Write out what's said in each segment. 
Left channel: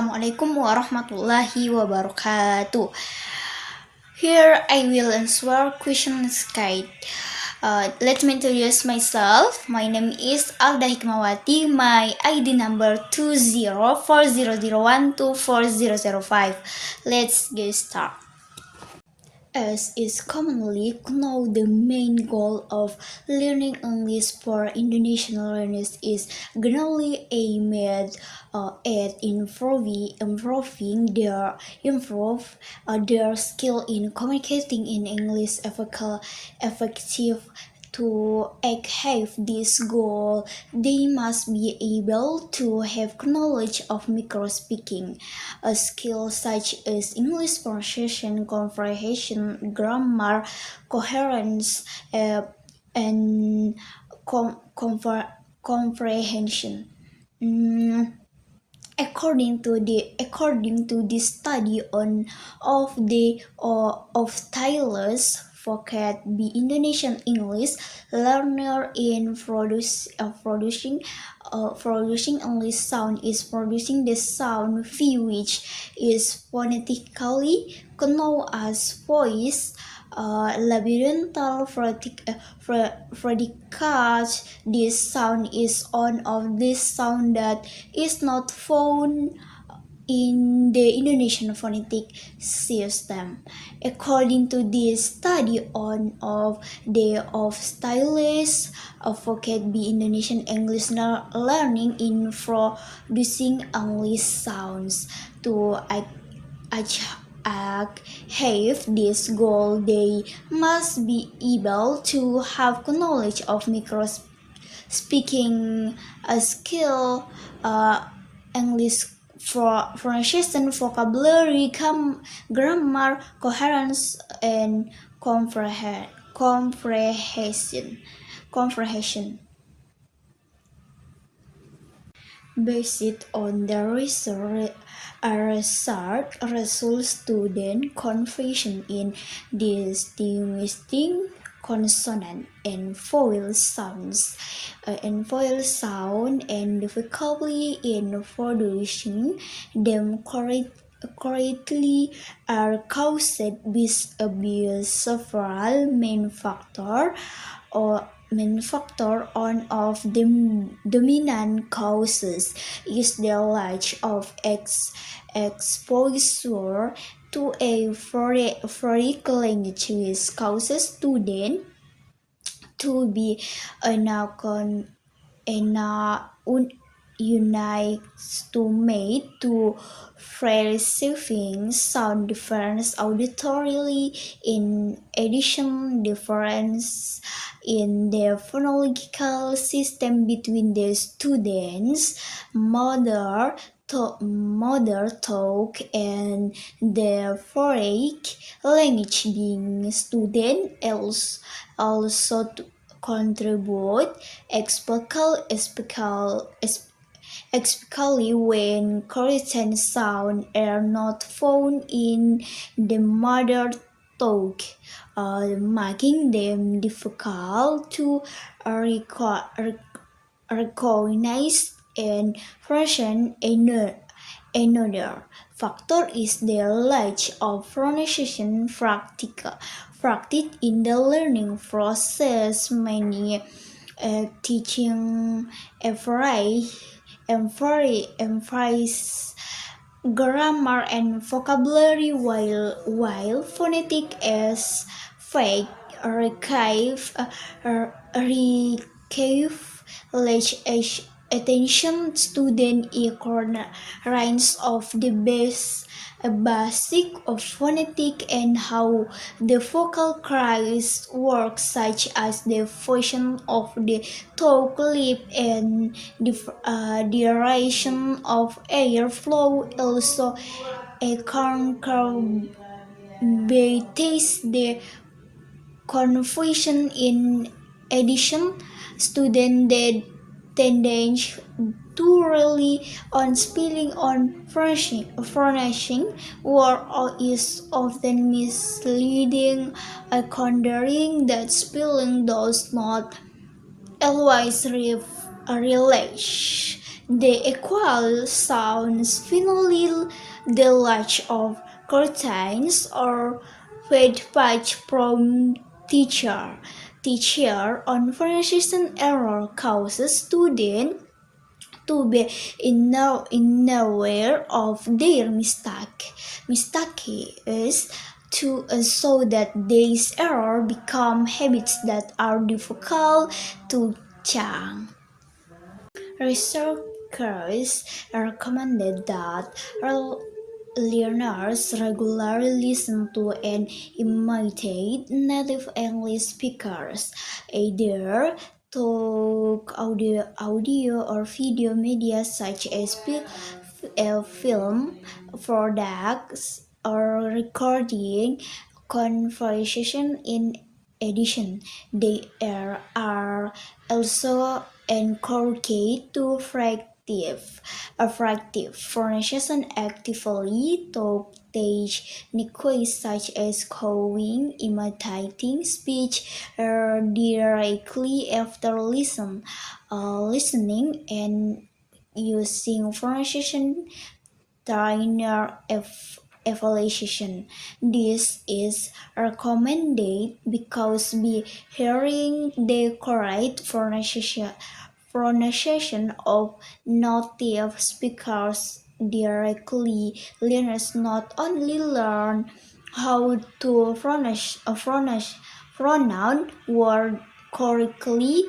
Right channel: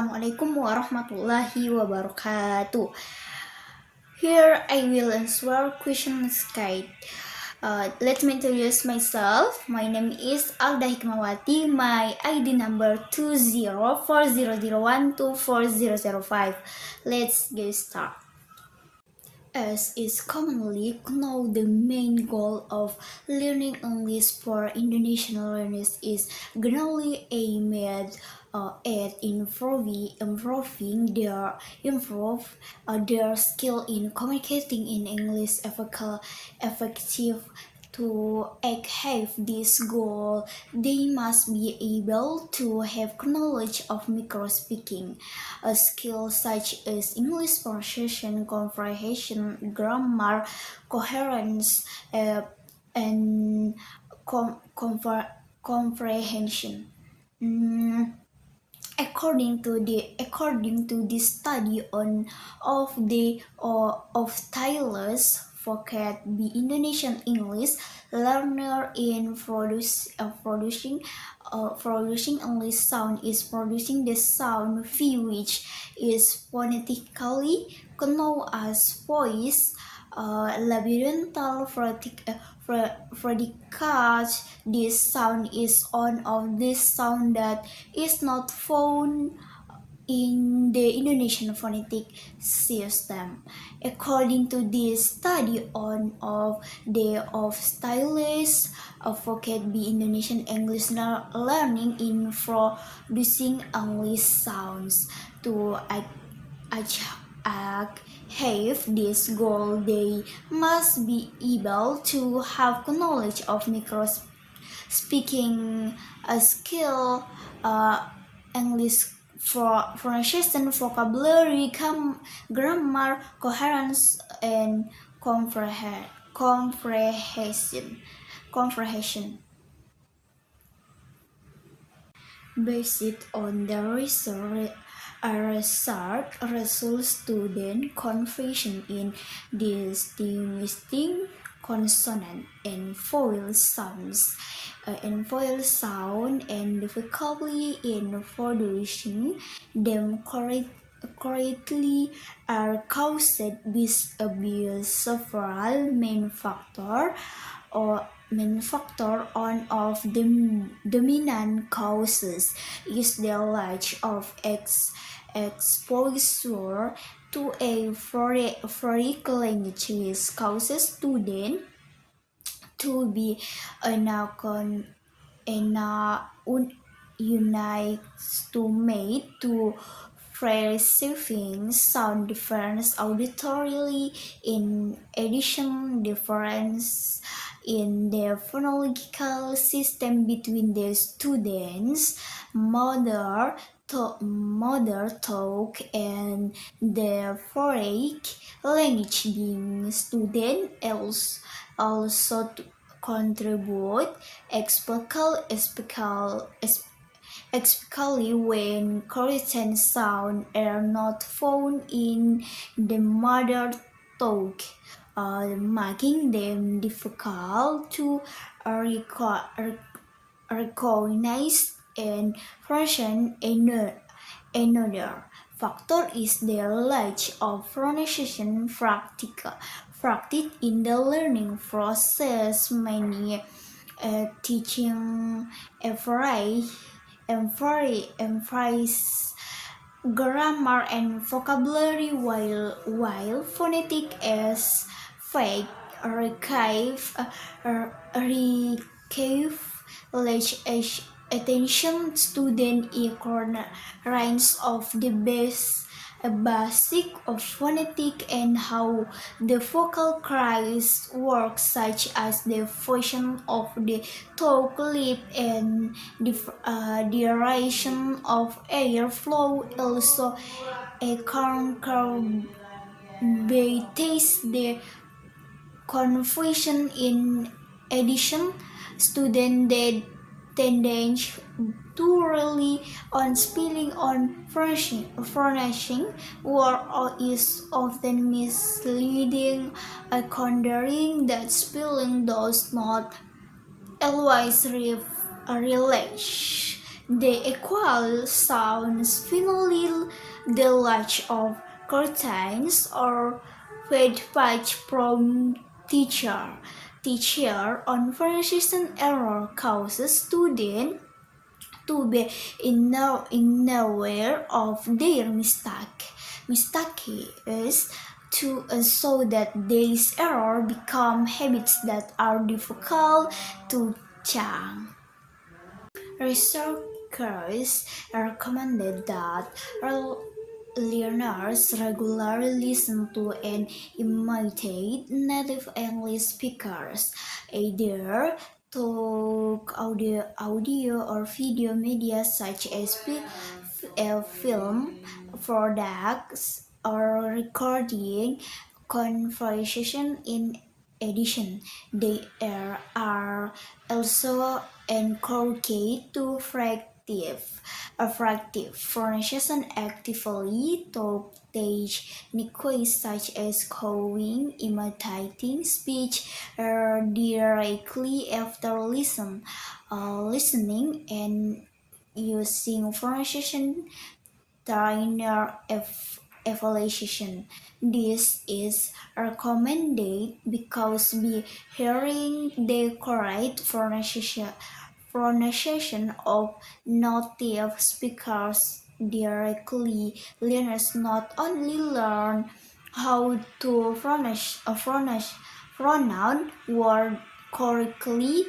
Assalamualaikum warahmatullahi wabarakatuh. Here I will answer questions guide. Let me introduce myself. My name is Alda Hikmawati. My ID number 204001240005. Let's get started. As is commonly known, the main goal of learning English for Indonesian learners is generally aimed at improving their skill in communicating in English effective. To achieve this goal, they must be able to have knowledge of microspeaking, a skill such as English pronunciation, comprehension, grammar, coherence, and comprehension. Mm, according to the study on of Tyler's vocab the Indonesian English learner in producing English sound is producing the sound V, which is phonetically known as voice. Labyrinthical predicates. This sound is one of these sound that is not found in the Indonesian phonetic system. According to this study on of stylish vocab Indonesian English learning in producing English sounds to achieve this goal, they must be able to have knowledge of micro-speaking skill, English pronunciation, vocabulary, grammar, coherence, and comprehension. Based on the research results, student confusion in distinguishing consonant and vowel sounds and difficulty in producing them correctly are caused by several main factors. One of the dominant causes is the lack of exposure to a foreign language, which causes students to be unaccustomed to receiving sound difference auditorily. In addition, difference in the phonological system between the students' mother tongue and the foreign language being student also contribute, especially when correct sounds are not found in the mother tongue, making them difficult to recognize and present. Another factor is the lack of pronunciation practice in the learning process. Many teaching emphasize grammar and vocabulary while phonetic aspect receive large attention. Student ignorance of the basic of phonetic and how the vocal cords work, such as the function of the tongue, lip, and the duration of airflow, also contributes the confusion. In addition, students tendency to rely on spelling on furnishing word is often misleading, considering that spelling does not always relate The equal sounds finally the latch of curtains or with patch from teacher. Teacher on pronunciation error causes student to be aware of their mistake is to so that these error become habits that are difficult to change. Researchers recommended that learners regularly listen to and imitate native English speakers, either talk, audio or video media such as film, products, or recording conversation. In addition, they are also encouraged to pronunciation actively to techniques such as calling, imitating speech directly after listening, and using pronunciation trainer evaluation. This is recommended because by hearing the correct pronunciation of native speakers directly, learners not only learn how to pronounce word correctly,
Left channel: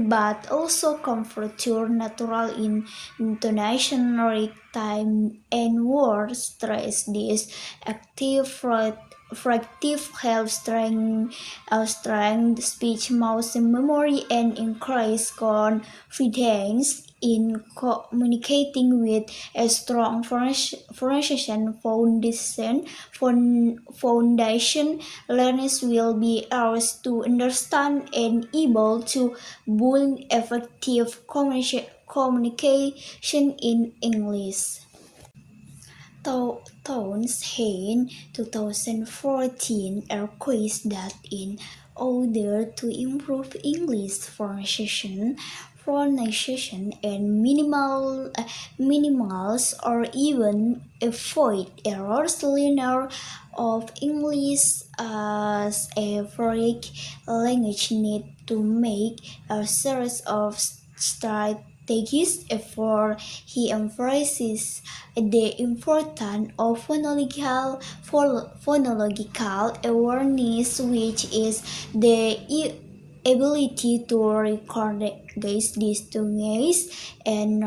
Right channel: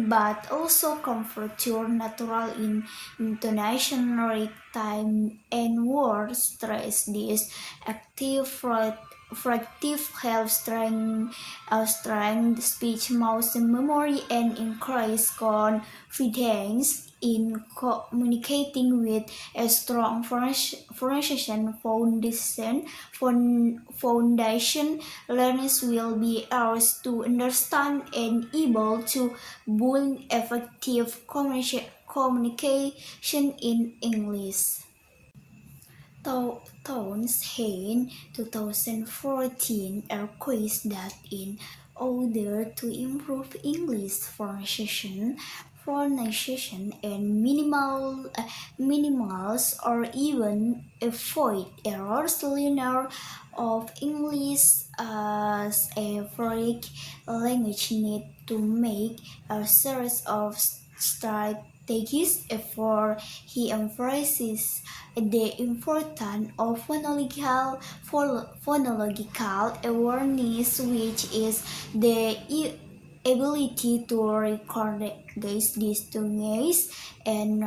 but also comfort natural in intonation, time, and word stress. This active proactive helps strengthen speech muscle memory and increase confidence in communicating with a strong pronunciation foundation. Learners will be able to understand and able to build effective communication in English. Tones in 2014 request that in order to improve English pronunciation and minimals or even avoid errors, learner of English as a foreign language need to make a series of strategies effort. He emphasizes the importance of phonological awareness, which is the ability to recognize, distinguish, and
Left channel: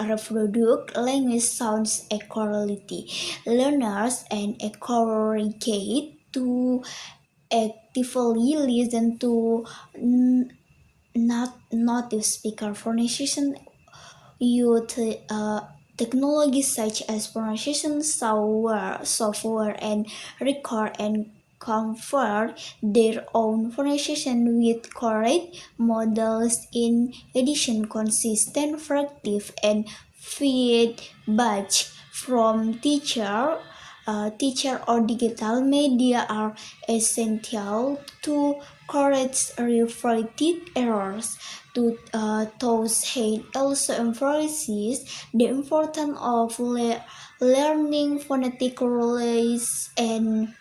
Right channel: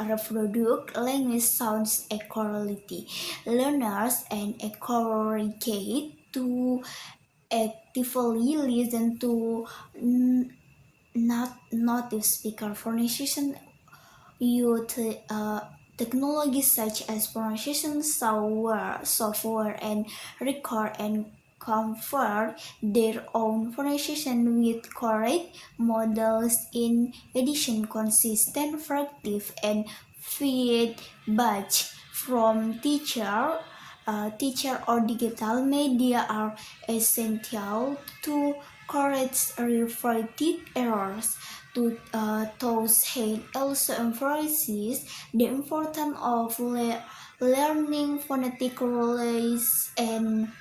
reproduce language sounds accurately. Learners and encouraged to actively listen to not native speaker pronunciation use technologies such as pronunciation software and record and convert their own pronunciation with correct models. In addition, consistent practice and feedback from teacher or digital media are essential to correct reflected errors. Those head also emphasizes the importance of learning phonetic rules and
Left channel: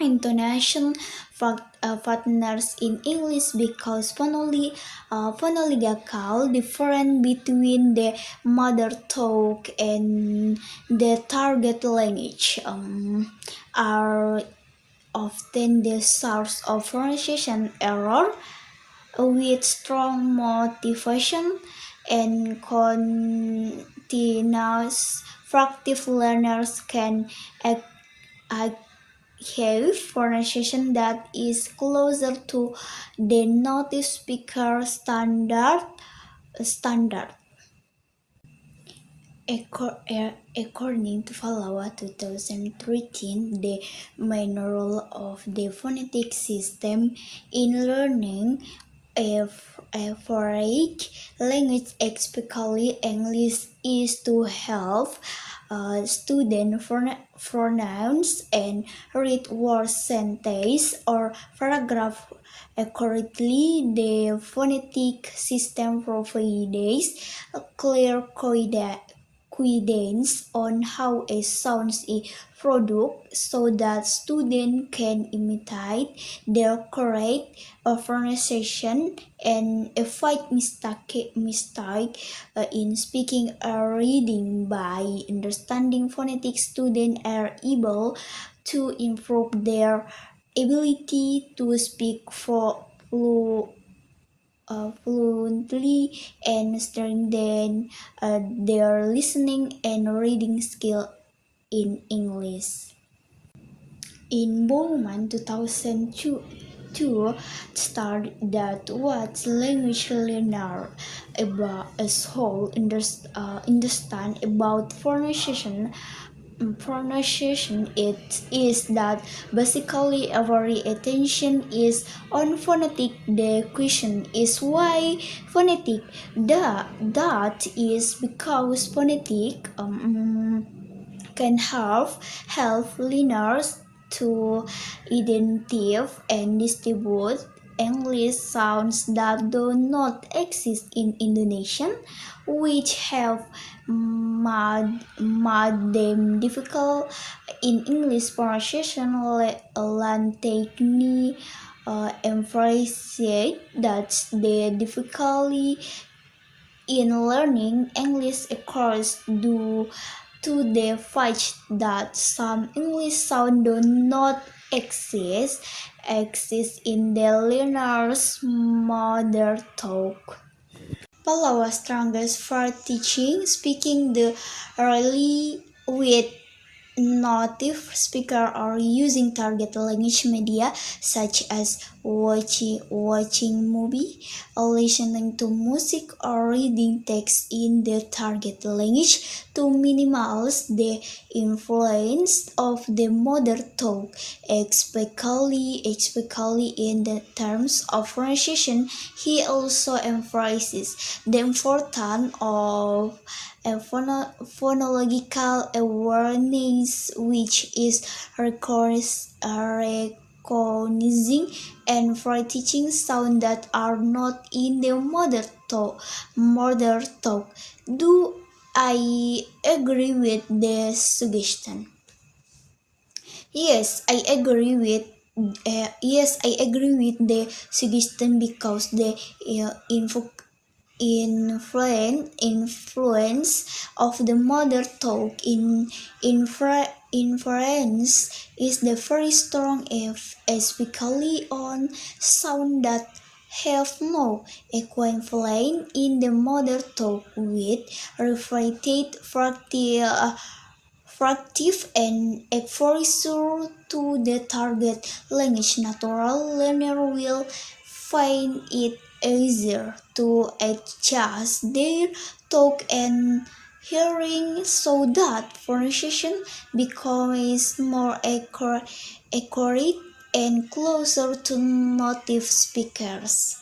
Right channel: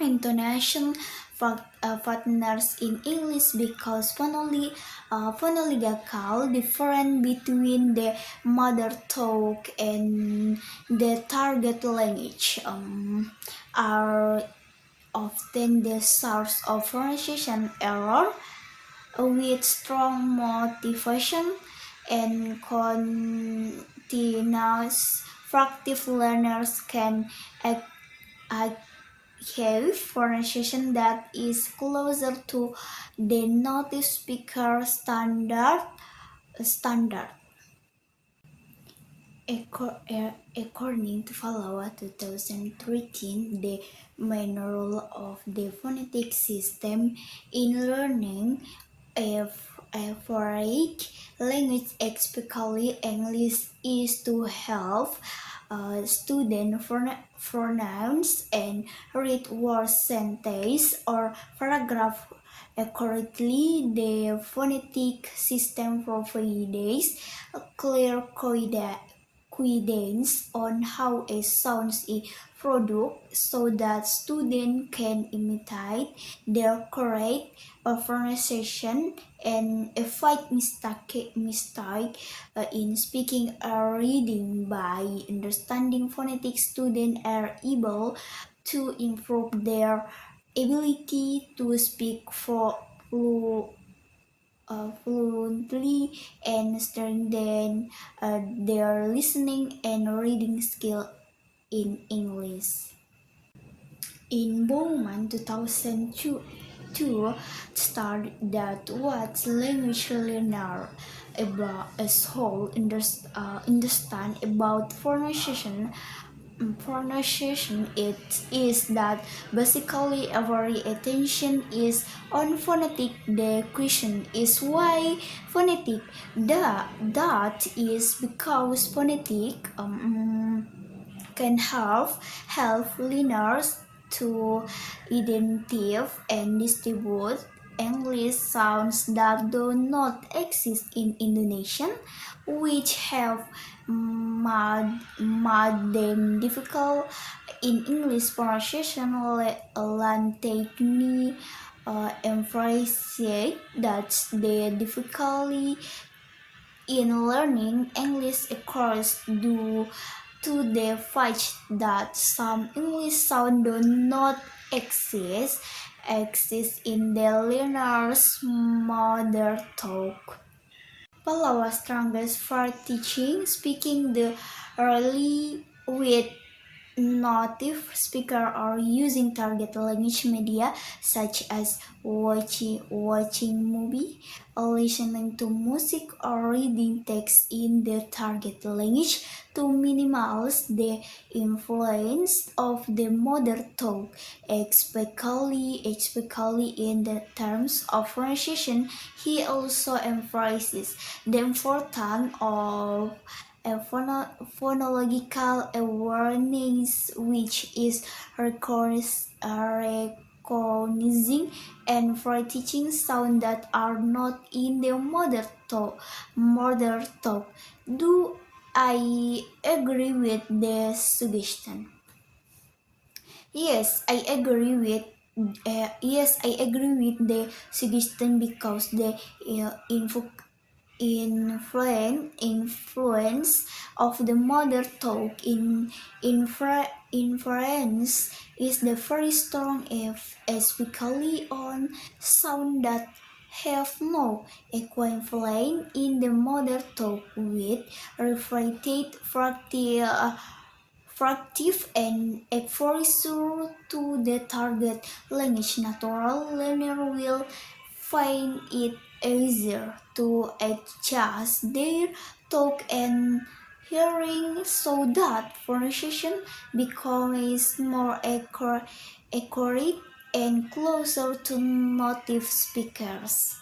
intonation partners in English because phonological difference between the mother tongue and the target language are often the source of pronunciation error. With strong motivation and continuous practice, learners can achieve pronunciation that is closer to the native speaker standard. According to Falawa 2013, the main role of the phonetic system in learning a foreign language, especially English, is to help students pronounce and read word sentence or paragraph accurately. The phonetic system provides a clear guidance on how a sound is produced so that students can imitate their correct pronunciation and avoid mistake in speaking or reading. By understanding phonetics, students are able to improve their ability to speak fluently and strengthen their listening and reading skill in English. In Bowman 2002 started that what language learner about as whole understand about pronunciation. It is that basically every attention is on phonetic. The question is why phonetic. That is because phonetic can help learners to identify and distribute English sounds that do not exist in Indonesian, which have made them difficult in English pronunciation. Technique emphasizes that the difficulty in learning English occurs due to the fact that some English sounds do not exist in the learner's mother tongue. Pallawa strongest for teaching speaking the early with native speaker or using target language media such as watching movie, listening to music or reading text in the target language to minimize the influence of the mother tongue, especially in the terms of pronunciation. He also emphasizes the importance of a phonological awareness, which is recognizing and for teaching sounds that are not in the mother tongue. Do I agree with the suggestion? Yes, I agree with. Yes, I agree with the suggestion because the influence of the mother tongue in inference is the very strong, especially on sound that have no equivalent in the mother tongue with reflected fractive and exposure to the target language. Natural learner will find it easier to adjust their talk and hearing so that pronunciation becomes more accurate and closer to native speakers.